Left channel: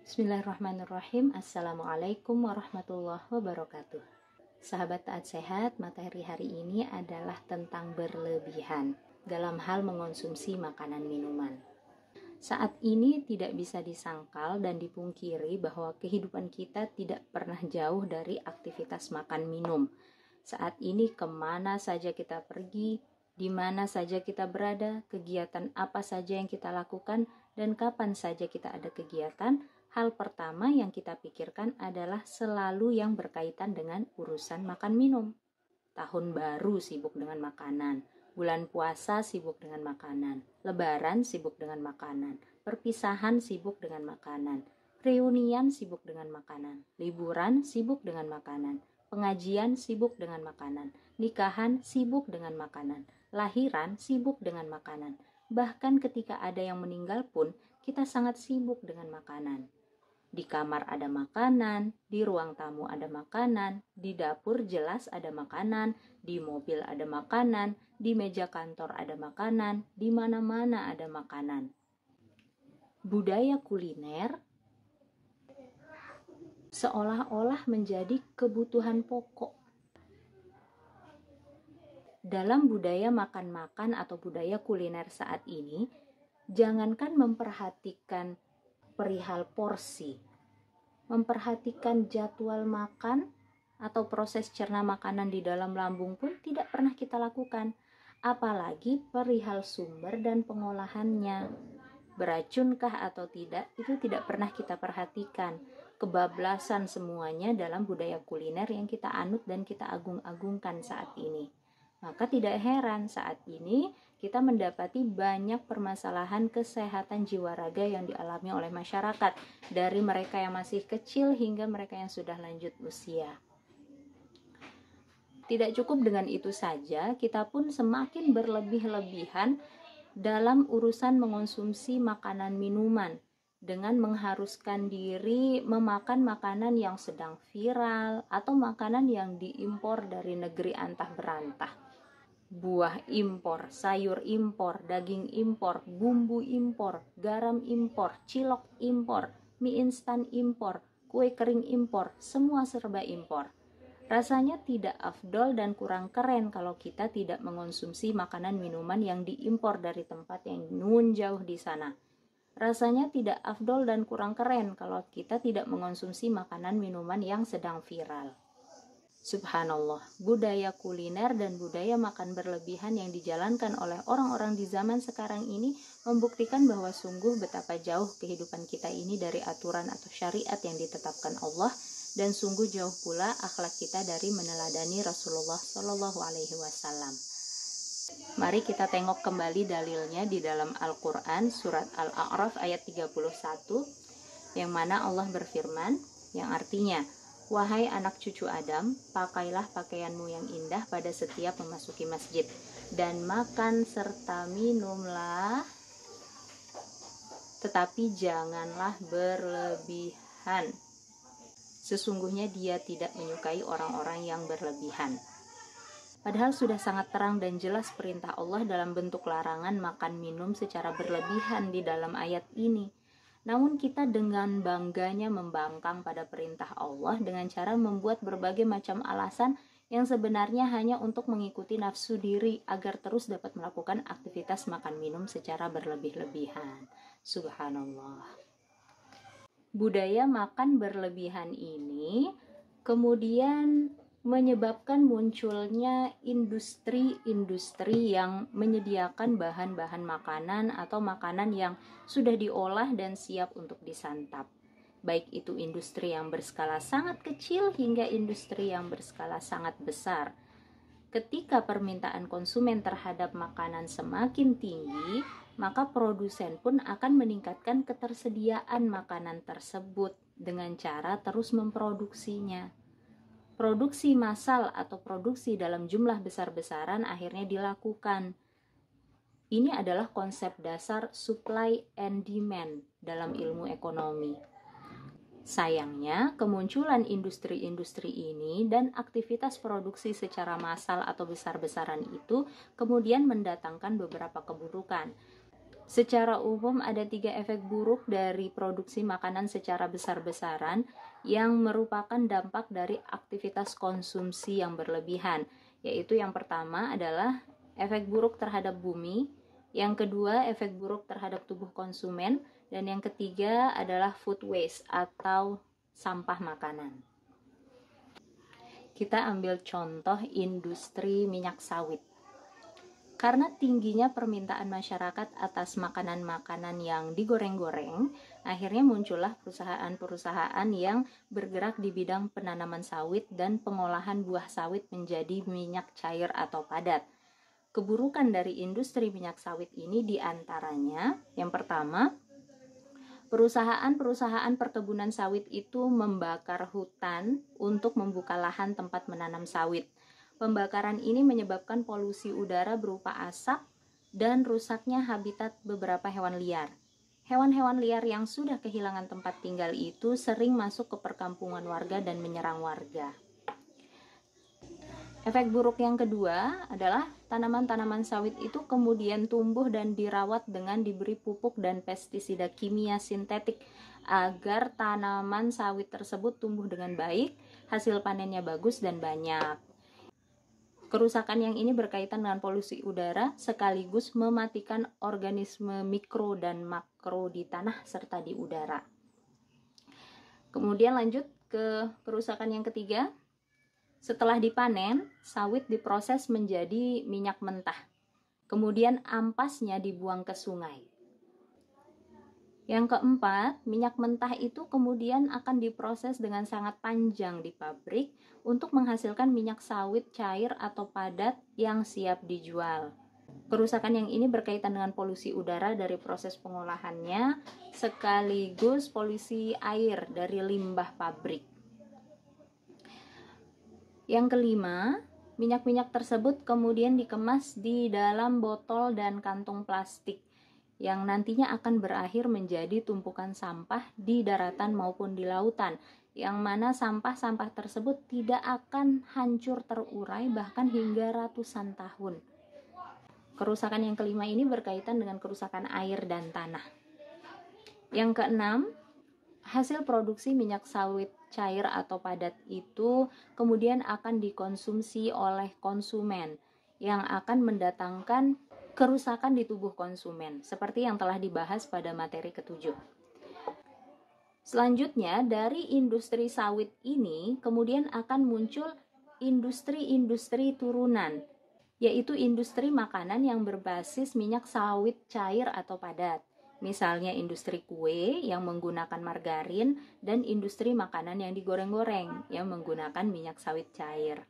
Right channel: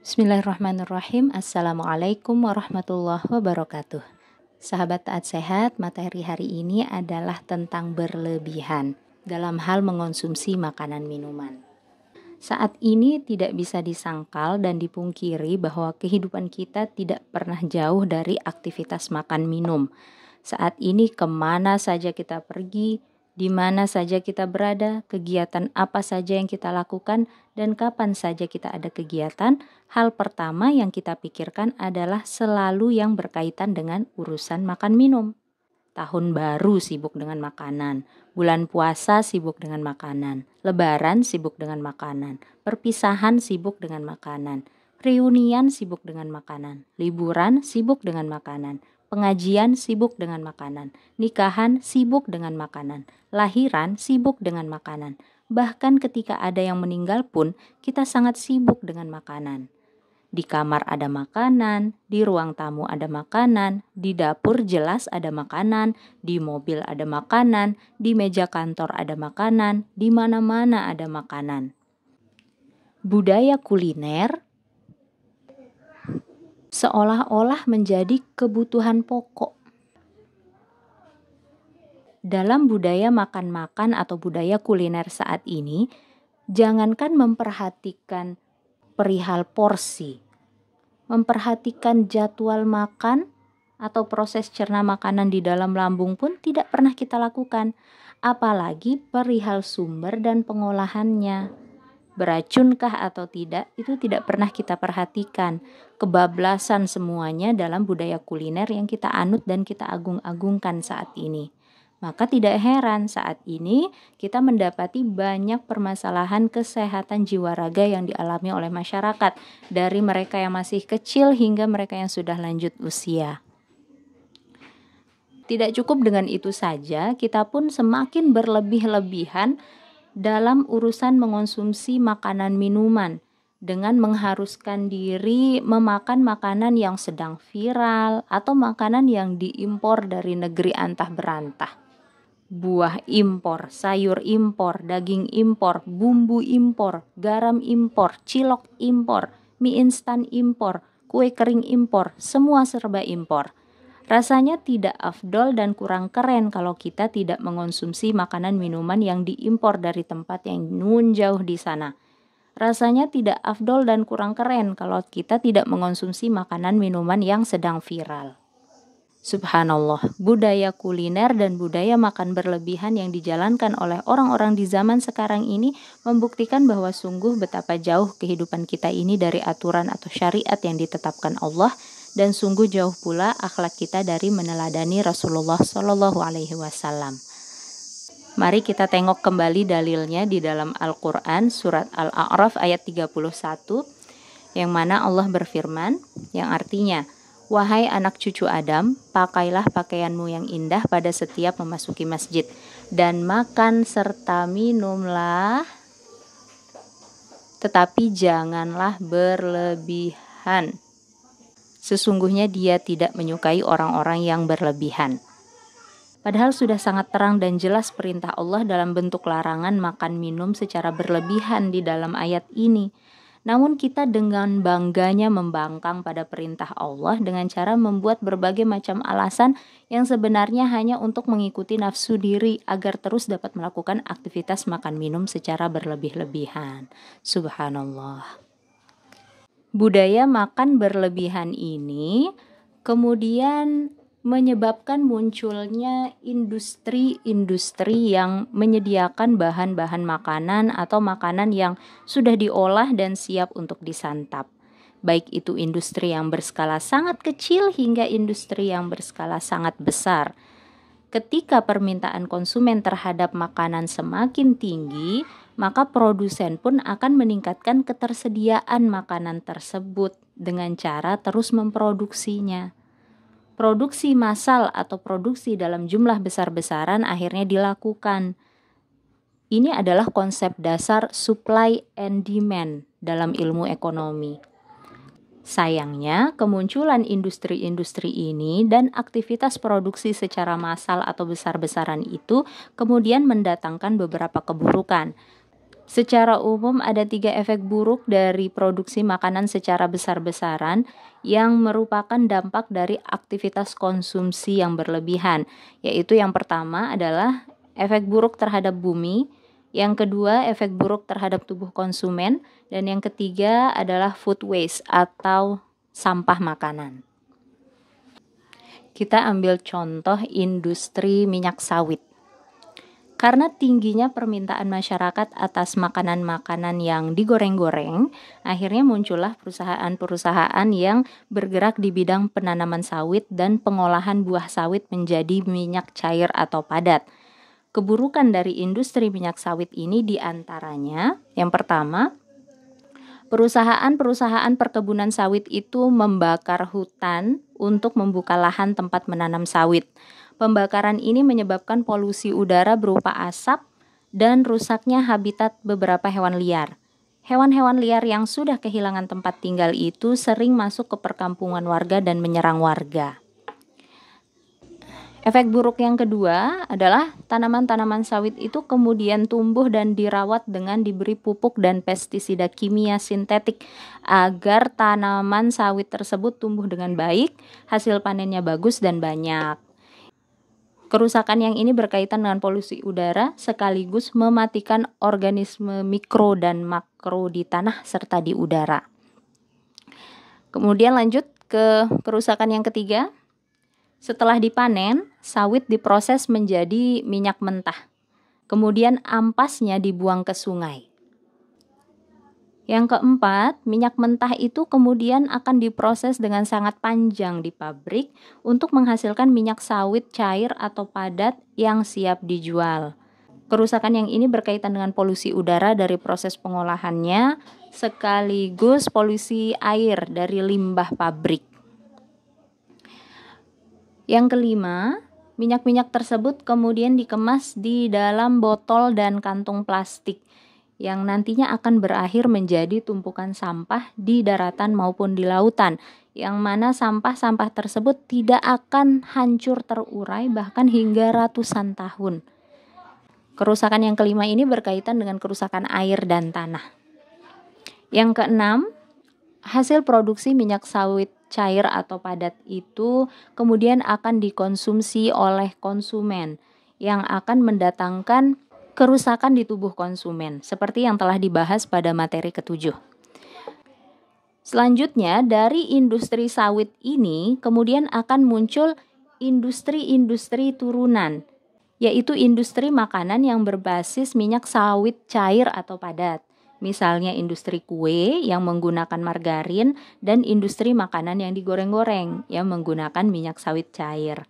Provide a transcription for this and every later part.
Bismillahirrahmanirrahim. Assalamualaikum warahmatullahi wabarakatuh. Sahabat taat sehat, materi hari ini adalah tentang berlebihan dalam hal mengonsumsi makanan minuman. Saat ini tidak bisa disangkal dan dipungkiri bahwa kehidupan kita tidak pernah jauh dari aktivitas makan minum. Saat ini kemana saja kita pergi, di mana saja kita berada, kegiatan apa saja yang kita lakukan, dan kapan saja kita ada kegiatan, hal pertama yang kita pikirkan adalah selalu yang berkaitan dengan urusan makan minum. Tahun baru sibuk dengan makanan, bulan puasa sibuk dengan makanan, lebaran sibuk dengan makanan, perpisahan sibuk dengan makanan, reunian sibuk dengan makanan, liburan sibuk dengan makanan, pengajian sibuk dengan makanan, nikahan sibuk dengan makanan, lahiran sibuk dengan makanan. Bahkan ketika ada yang meninggal pun kita sangat sibuk dengan makanan. Di kamar ada makanan, di ruang tamu ada makanan, di dapur jelas ada makanan, di mobil ada makanan, di meja kantor ada makanan, di mana-mana ada makanan. Budaya kuliner seolah-olah menjadi kebutuhan pokok. Dalam budaya makan-makan atau budaya kuliner saat ini, jangankan memperhatikan perihal porsi, memperhatikan jadwal makan atau proses cerna makanan di dalam lambung pun tidak pernah kita lakukan, apalagi perihal sumber dan pengolahannya. Beracunkah atau tidak, itu tidak pernah kita perhatikan. Kebablasan semuanya dalam budaya kuliner yang kita anut dan kita agung-agungkan saat ini. Maka tidak heran saat ini kita mendapati banyak permasalahan kesehatan jiwa raga yang dialami oleh masyarakat, dari mereka yang masih kecil hingga mereka yang sudah lanjut usia. Tidak cukup dengan itu saja, kita pun semakin berlebih-lebihan dalam urusan mengonsumsi makanan minuman, dengan mengharuskan diri memakan makanan yang sedang viral atau makanan yang diimpor dari negeri antah berantah. Buah impor, sayur impor, daging impor, bumbu impor, garam impor, cilok impor, mie instan impor, kue kering impor, semua serba impor. Rasanya tidak afdol dan kurang keren kalau kita tidak mengonsumsi makanan minuman yang diimpor dari tempat yang nun jauh di sana. Rasanya tidak afdol dan kurang keren kalau kita tidak mengonsumsi makanan minuman yang sedang viral. Subhanallah, budaya kuliner dan budaya makan berlebihan yang dijalankan oleh orang-orang di zaman sekarang ini membuktikan bahwa sungguh betapa jauh kehidupan kita ini dari aturan atau syariat yang ditetapkan Allah, dan sungguh jauh pula akhlak kita dari meneladani Rasulullah Shallallahu Alaihi Wasallam. Mari kita tengok kembali dalilnya di dalam Al-Quran surat Al-A'raf ayat 31, yang mana Allah berfirman, yang artinya, "Wahai anak cucu Adam, pakailah pakaianmu yang indah pada setiap memasuki masjid, dan makan serta minumlah, tetapi janganlah berlebihan. Sesungguhnya Dia tidak menyukai orang-orang yang berlebihan." Padahal sudah sangat terang dan jelas perintah Allah dalam bentuk larangan makan minum secara berlebihan di dalam ayat ini. Namun kita dengan bangganya membangkang pada perintah Allah dengan cara membuat berbagai macam alasan yang sebenarnya hanya untuk mengikuti nafsu diri agar terus dapat melakukan aktivitas makan minum secara berlebih-lebihan. Subhanallah. Budaya makan berlebihan ini kemudian menyebabkan munculnya industri-industri yang menyediakan bahan-bahan makanan atau makanan yang sudah diolah dan siap untuk disantap. Baik itu industri yang berskala sangat kecil hingga industri yang berskala sangat besar. Ketika permintaan konsumen terhadap makanan semakin tinggi, maka produsen pun akan meningkatkan ketersediaan makanan tersebut dengan cara terus memproduksinya. Produksi massal atau produksi dalam jumlah besar-besaran akhirnya dilakukan. Ini adalah konsep dasar supply and demand dalam ilmu ekonomi. Sayangnya, kemunculan industri-industri ini dan aktivitas produksi secara massal atau besar-besaran itu kemudian mendatangkan beberapa keburukan. Secara umum ada 3 efek buruk dari produksi makanan secara besar-besaran yang merupakan dampak dari aktivitas konsumsi yang berlebihan, yaitu yang pertama adalah efek buruk terhadap bumi, yang kedua efek buruk terhadap tubuh konsumen, dan yang ketiga adalah food waste atau sampah makanan. Kita ambil contoh industri minyak sawit. Karena tingginya permintaan masyarakat atas makanan-makanan yang digoreng-goreng, akhirnya muncullah perusahaan-perusahaan yang bergerak di bidang penanaman sawit dan pengolahan buah sawit menjadi minyak cair atau padat. Keburukan dari industri minyak sawit ini diantaranya, yang pertama, perusahaan-perusahaan perkebunan sawit itu membakar hutan untuk membuka lahan tempat menanam sawit. Pembakaran ini menyebabkan polusi udara berupa asap dan rusaknya habitat beberapa hewan liar. Hewan-hewan liar yang sudah kehilangan tempat tinggal itu sering masuk ke perkampungan warga dan menyerang warga. Efek buruk yang kedua adalah tanaman-tanaman sawit itu kemudian tumbuh dan dirawat dengan diberi pupuk dan pestisida kimia sintetik agar tanaman sawit tersebut tumbuh dengan baik, hasil panennya bagus dan banyak. Kerusakan yang ini berkaitan dengan polusi udara sekaligus mematikan organisme mikro dan makro di tanah serta di udara. Kemudian lanjut ke kerusakan yang ketiga. Setelah dipanen, sawit diproses menjadi minyak mentah. Kemudian ampasnya dibuang ke sungai. Yang keempat, minyak mentah itu kemudian akan diproses dengan sangat panjang di pabrik untuk menghasilkan minyak sawit cair atau padat yang siap dijual. Kerusakan yang ini berkaitan dengan polusi udara dari proses pengolahannya, sekaligus polusi air dari limbah pabrik. Yang kelima, minyak-minyak tersebut kemudian dikemas di dalam botol dan kantung plastik yang nantinya akan berakhir menjadi tumpukan sampah di daratan maupun di lautan, yang mana sampah-sampah tersebut tidak akan hancur terurai bahkan hingga ratusan tahun. Kerusakan yang kelima ini berkaitan dengan kerusakan air dan tanah. Yang keenam, hasil produksi minyak sawit cair atau padat itu kemudian akan dikonsumsi oleh konsumen yang akan mendatangkan kerusakan di tubuh konsumen, seperti yang telah dibahas pada materi ke-7. Selanjutnya, dari industri sawit ini kemudian akan muncul industri-industri turunan, yaitu industri makanan yang berbasis minyak sawit cair atau padat. Misalnya industri kue yang menggunakan margarin dan industri makanan yang digoreng-goreng yang menggunakan minyak sawit cair.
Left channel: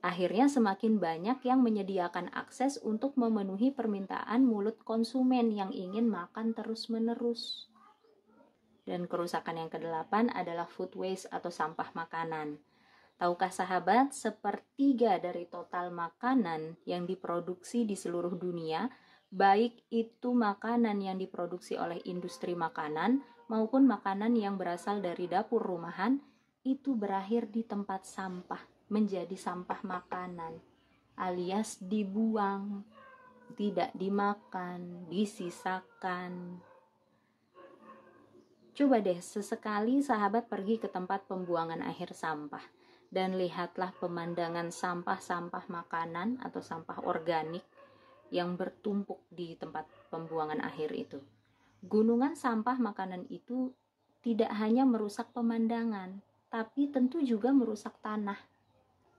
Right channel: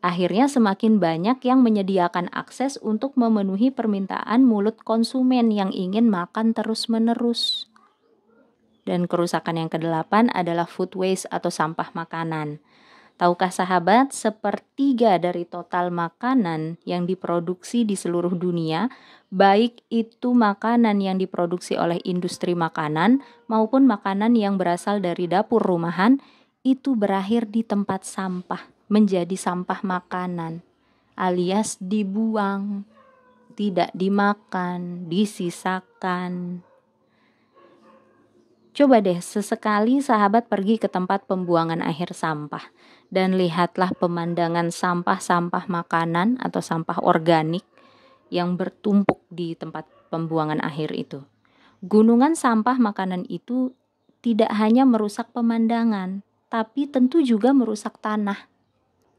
Akhirnya semakin banyak yang menyediakan akses untuk memenuhi permintaan mulut konsumen yang ingin makan terus-menerus. Dan kerusakan yang kedelapan adalah food waste atau sampah makanan. Tahukah sahabat, sepertiga dari total makanan yang diproduksi di seluruh dunia, baik itu makanan yang diproduksi oleh industri makanan maupun makanan yang berasal dari dapur rumahan, itu berakhir di tempat sampah, menjadi sampah makanan, alias dibuang, tidak dimakan, disisakan. Coba deh sesekali sahabat pergi ke tempat pembuangan akhir sampah dan lihatlah pemandangan sampah-sampah makanan atau sampah organik yang bertumpuk di tempat pembuangan akhir itu. Gunungan sampah makanan itu tidak hanya merusak pemandangan, tapi tentu juga merusak tanah.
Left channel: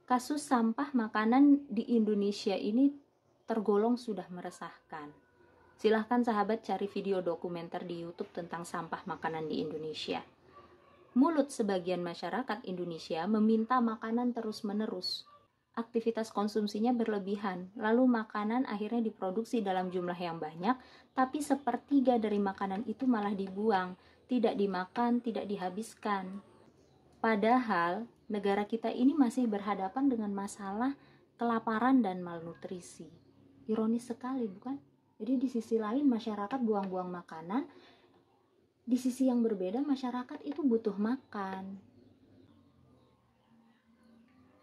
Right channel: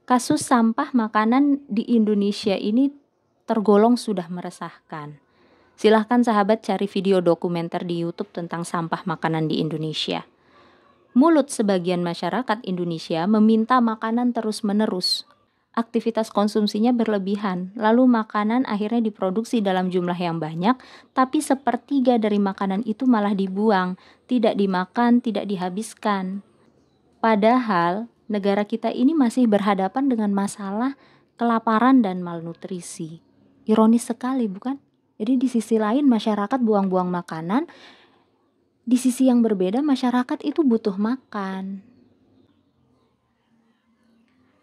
Kasus sampah makanan di Indonesia ini tergolong sudah meresahkan. Silahkan sahabat cari video dokumenter di YouTube tentang sampah makanan di Indonesia. Mulut sebagian masyarakat Indonesia meminta makanan terus-menerus. Aktivitas konsumsinya berlebihan, lalu makanan akhirnya diproduksi dalam jumlah yang banyak, tapi sepertiga dari makanan itu malah dibuang, tidak dimakan, tidak dihabiskan. Padahal negara kita ini masih berhadapan dengan masalah kelaparan dan malnutrisi. Ironis sekali, bukan? Jadi di sisi lain masyarakat buang-buang makanan, di sisi yang berbeda masyarakat itu butuh makan.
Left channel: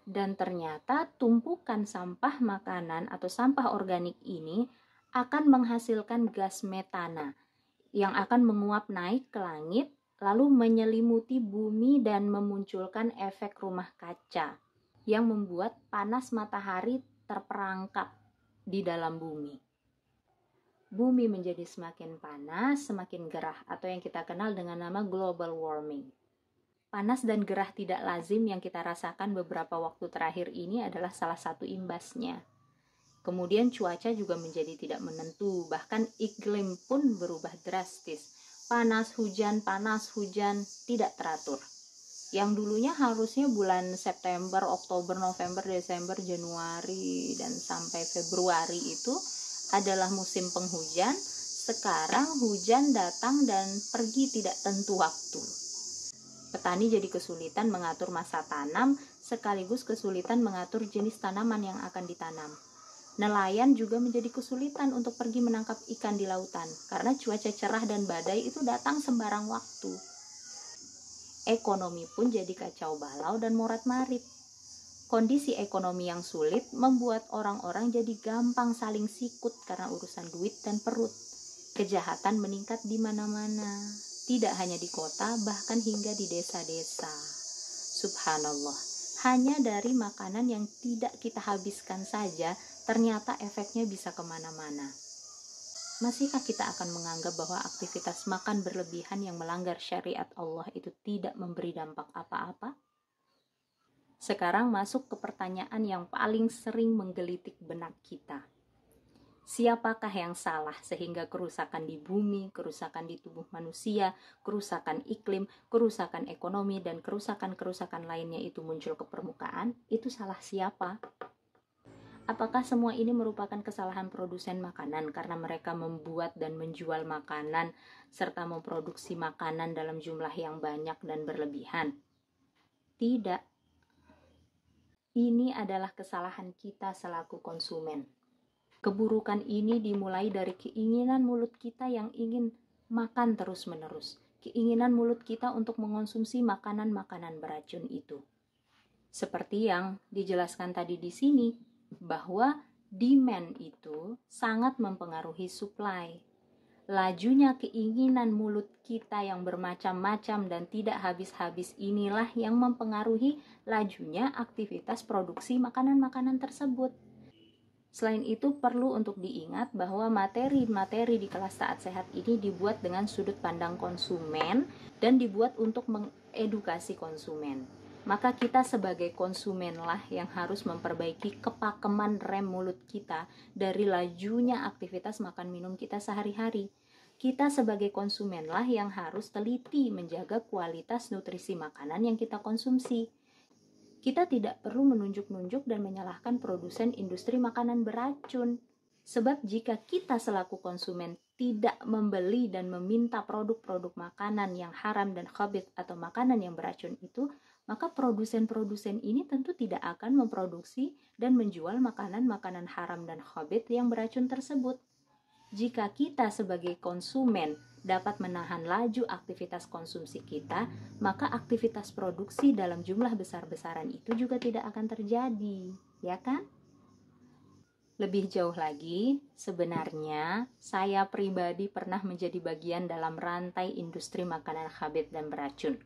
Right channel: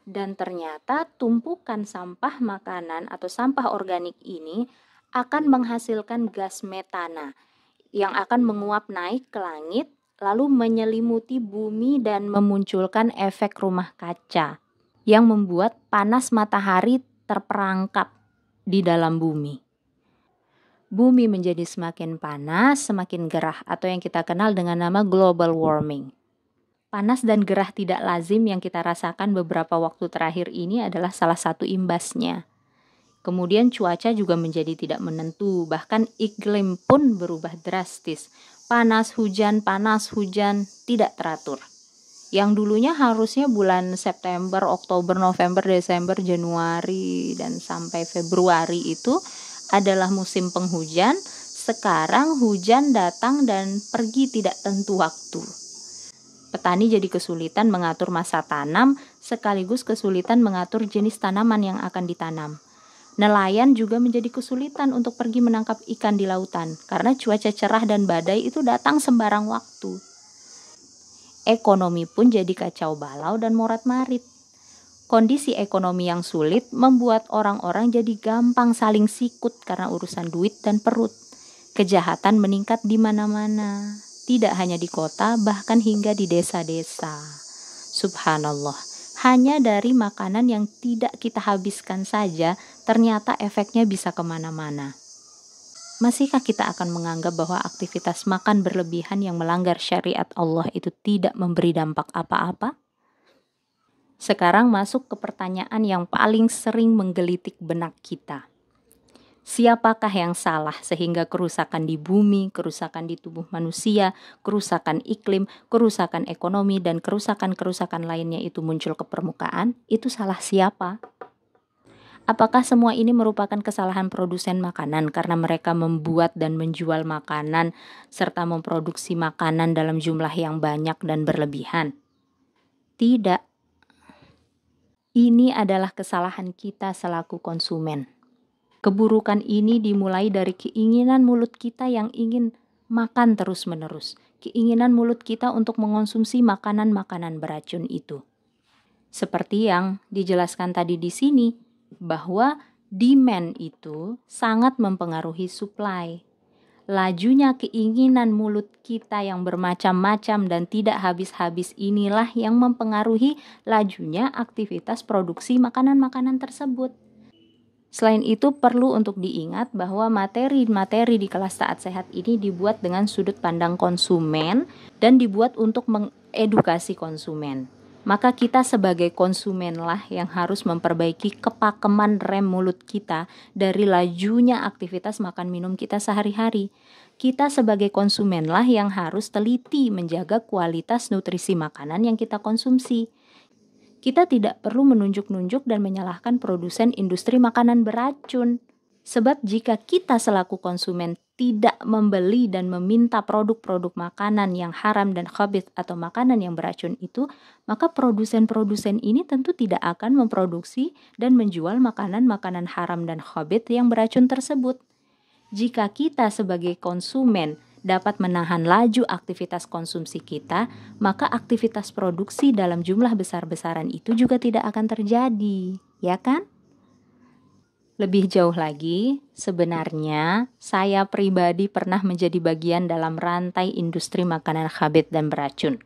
Dan ternyata tumpukan sampah makanan atau sampah organik ini akan menghasilkan gas metana yang akan menguap naik ke langit lalu menyelimuti bumi dan memunculkan efek rumah kaca yang membuat panas matahari terperangkap di dalam bumi. Bumi menjadi semakin panas, semakin gerah atau yang kita kenal dengan nama global warming. Panas dan gerah tidak lazim yang kita rasakan beberapa waktu terakhir ini adalah salah satu imbasnya. Kemudian cuaca juga menjadi tidak menentu, bahkan iklim pun berubah drastis. Panas, hujan, tidak teratur. Yang dulunya harusnya bulan September, Oktober, November, Desember, Januari, dan sampai Februari itu adalah musim penghujan. Sekarang hujan datang dan pergi tidak tentu waktu. Petani jadi kesulitan mengatur masa tanam, sekaligus kesulitan mengatur jenis tanaman yang akan ditanam. Nelayan juga menjadi kesulitan untuk pergi menangkap ikan di lautan, karena cuaca cerah dan badai itu datang sembarang waktu. Ekonomi pun jadi kacau balau dan morat-marit. Kondisi ekonomi yang sulit membuat orang-orang jadi gampang saling sikut karena urusan duit dan perut. Kejahatan meningkat di mana-mana, tidak hanya di kota, bahkan hingga di desa-desa. Subhanallah, hanya dari makanan yang tidak kita habiskan saja, ternyata efeknya bisa kemana-mana. Masihkah kita akan menganggap bahwa aktivitas makan berlebihan yang melanggar syariat Allah itu tidak memberi dampak apa-apa? Sekarang masuk ke pertanyaan yang paling sering menggelitik benak kita. Siapakah yang salah sehingga kerusakan di bumi, kerusakan di tubuh manusia, kerusakan iklim, kerusakan ekonomi, dan kerusakan-kerusakan lainnya itu muncul ke permukaan? Itu salah siapa? Apakah semua ini merupakan kesalahan produsen makanan karena mereka membuat dan menjual makanan serta memproduksi makanan dalam jumlah yang banyak dan berlebihan? Tidak. Ini adalah kesalahan kita selaku konsumen. Keburukan ini dimulai dari keinginan mulut kita yang ingin makan terus-menerus. Keinginan mulut kita untuk mengonsumsi makanan-makanan beracun itu. Seperti yang dijelaskan tadi di sini, bahwa demand itu sangat mempengaruhi supply. Lajunya keinginan mulut kita yang bermacam-macam dan tidak habis-habis inilah yang mempengaruhi lajunya aktivitas produksi makanan-makanan tersebut. Selain itu perlu untuk diingat bahwa materi-materi di kelas Taat Sehat ini dibuat dengan sudut pandang konsumen dan dibuat untuk mengedukasi konsumen. Maka kita sebagai konsumenlah yang harus memperbaiki kepakeman rem mulut kita dari lajunya aktivitas makan minum kita sehari-hari. Kita sebagai konsumenlah yang harus teliti menjaga kualitas nutrisi makanan yang kita konsumsi. Kita tidak perlu menunjuk-nunjuk dan menyalahkan produsen industri makanan beracun. Sebab jika kita selaku konsumen tidak membeli dan meminta produk-produk makanan yang haram dan khabith atau makanan yang beracun itu, maka produsen-produsen ini tentu tidak akan memproduksi dan menjual makanan-makanan haram dan khabith yang beracun tersebut. Jika kita sebagai konsumen dapat menahan laju aktivitas konsumsi kita, maka aktivitas produksi dalam jumlah besar-besaran itu juga tidak akan terjadi, ya kan? Lebih jauh lagi, sebenarnya saya pribadi pernah menjadi bagian dalam rantai industri makanan khabith dan beracun.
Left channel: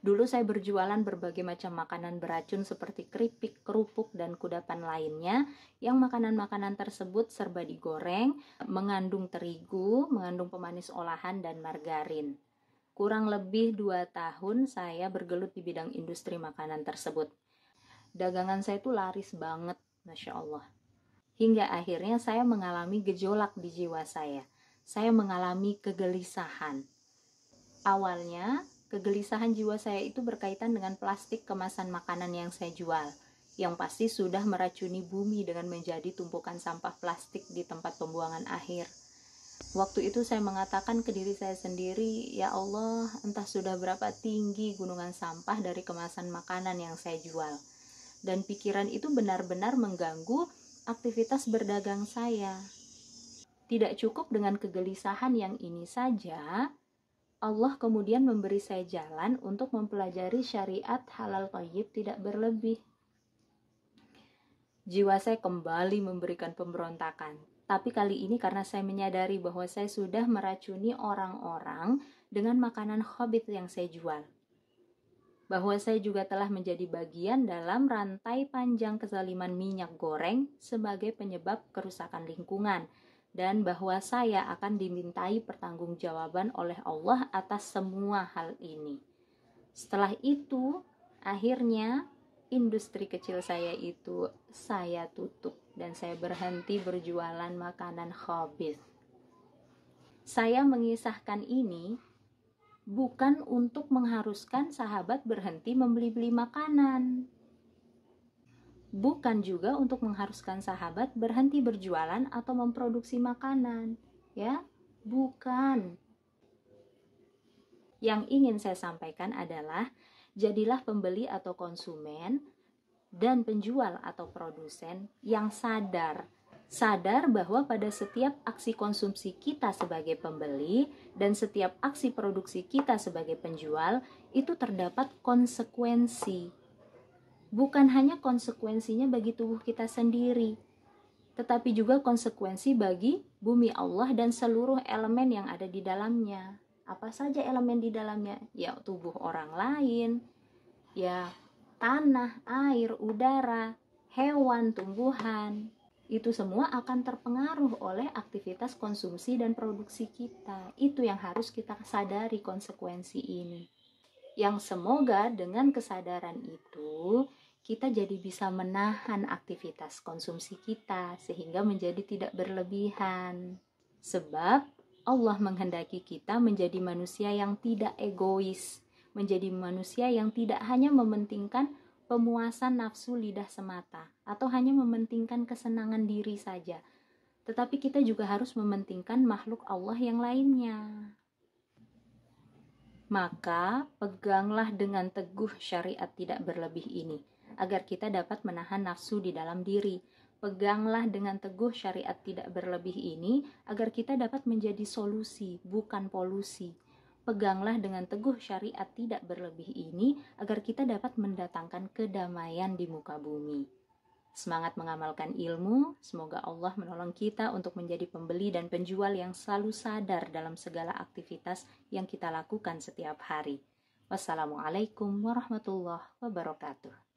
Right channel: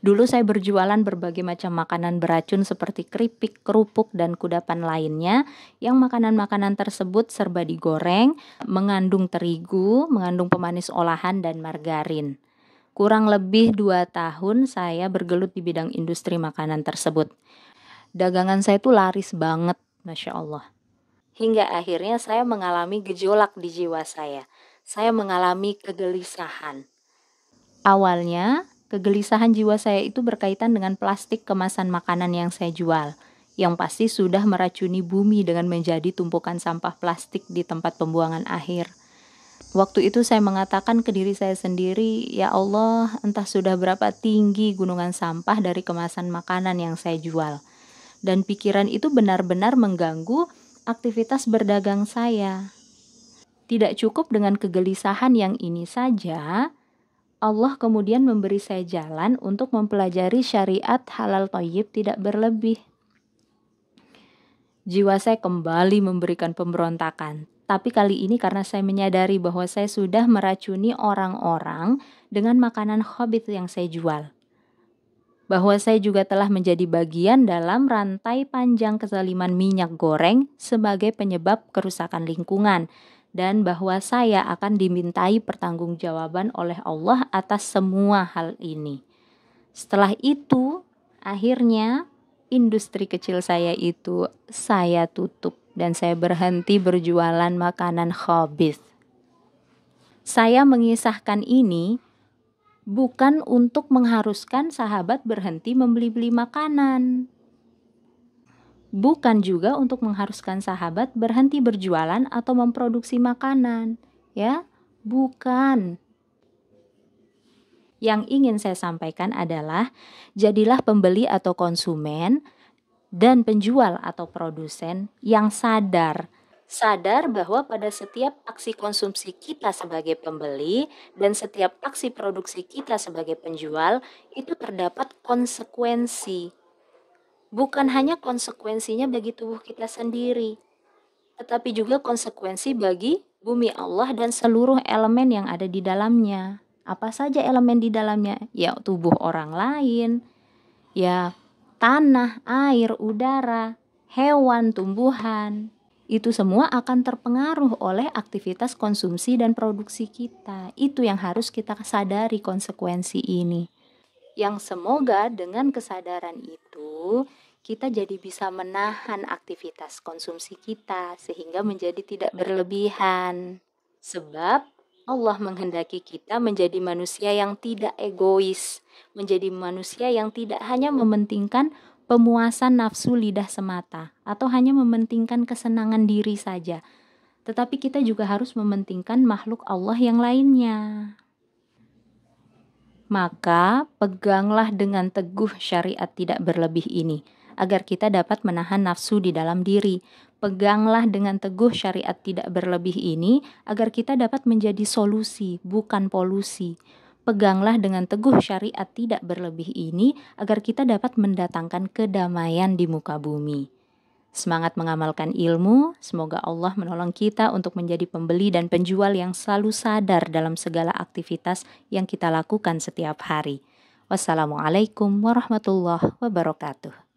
Dulu saya berjualan berbagai macam makanan beracun seperti keripik, kerupuk, dan kudapan lainnya yang makanan-makanan tersebut serba digoreng, mengandung terigu, mengandung pemanis olahan, dan margarin. Kurang lebih 2 tahun saya bergelut di bidang industri makanan tersebut. Dagangan saya tuh laris banget, Masya Allah. Hingga akhirnya saya mengalami gejolak di jiwa saya. Saya mengalami kegelisahan. Awalnya, kegelisahan jiwa saya itu berkaitan dengan plastik kemasan makanan yang saya jual, yang pasti sudah meracuni bumi dengan menjadi tumpukan sampah plastik di tempat pembuangan akhir. Waktu itu saya mengatakan ke diri saya sendiri, ya Allah, entah sudah berapa tinggi gunungan sampah dari kemasan makanan yang saya jual. Dan pikiran itu benar-benar mengganggu aktivitas berdagang saya. Tidak cukup dengan kegelisahan yang ini saja, Allah kemudian memberi saya jalan untuk mempelajari syariat halal thayyib tidak berlebih. Jiwa saya kembali memberikan pemberontakan. Tapi kali ini karena saya menyadari bahwa saya sudah meracuni orang-orang dengan makanan khabith yang saya jual. Bahwa saya juga telah menjadi bagian dalam rantai panjang kezaliman minyak goreng sebagai penyebab kerusakan lingkungan. Dan bahwa saya akan dimintai pertanggungjawaban oleh Allah atas semua hal ini. Setelah itu, akhirnya industri kecil saya itu saya tutup dan saya berhenti berjualan makanan khabith. Saya mengisahkan ini bukan untuk mengharuskan sahabat berhenti membeli-beli makanan. Bukan juga untuk mengharuskan sahabat berhenti berjualan atau memproduksi makanan, ya. Bukan. Yang ingin saya sampaikan adalah jadilah pembeli atau konsumen dan penjual atau produsen yang sadar bahwa pada setiap aksi konsumsi kita sebagai pembeli dan setiap aksi produksi kita sebagai penjual itu terdapat konsekuensi. Bukan hanya konsekuensinya bagi tubuh kita sendiri, tetapi juga konsekuensi bagi bumi Allah dan seluruh elemen yang ada di dalamnya. Apa saja elemen di dalamnya? Ya, tubuh orang lain, ya tanah, air, udara, hewan, tumbuhan. Itu semua akan terpengaruh oleh aktivitas konsumsi dan produksi kita. Itu yang harus kita sadari konsekuensi ini. Yang semoga dengan kesadaran itu kita jadi bisa menahan aktivitas konsumsi kita sehingga menjadi tidak berlebihan. Sebab Allah menghendaki kita menjadi manusia yang tidak egois, menjadi manusia yang tidak hanya mementingkan pemuasan nafsu lidah semata atau hanya mementingkan kesenangan diri saja, tetapi kita juga harus mementingkan makhluk Allah yang lainnya. Maka peganglah dengan teguh syariat tidak berlebih ini, agar kita dapat menahan nafsu di dalam diri. Peganglah dengan teguh syariat tidak berlebih ini, agar kita dapat menjadi solusi, bukan polusi. Peganglah dengan teguh syariat tidak berlebih ini, agar kita dapat mendatangkan kedamaian di muka bumi. Semangat mengamalkan ilmu, semoga Allah menolong kita untuk menjadi pembeli dan penjual yang selalu sadar dalam segala aktivitas yang kita lakukan setiap hari. Wassalamualaikum warahmatullahi wabarakatuh.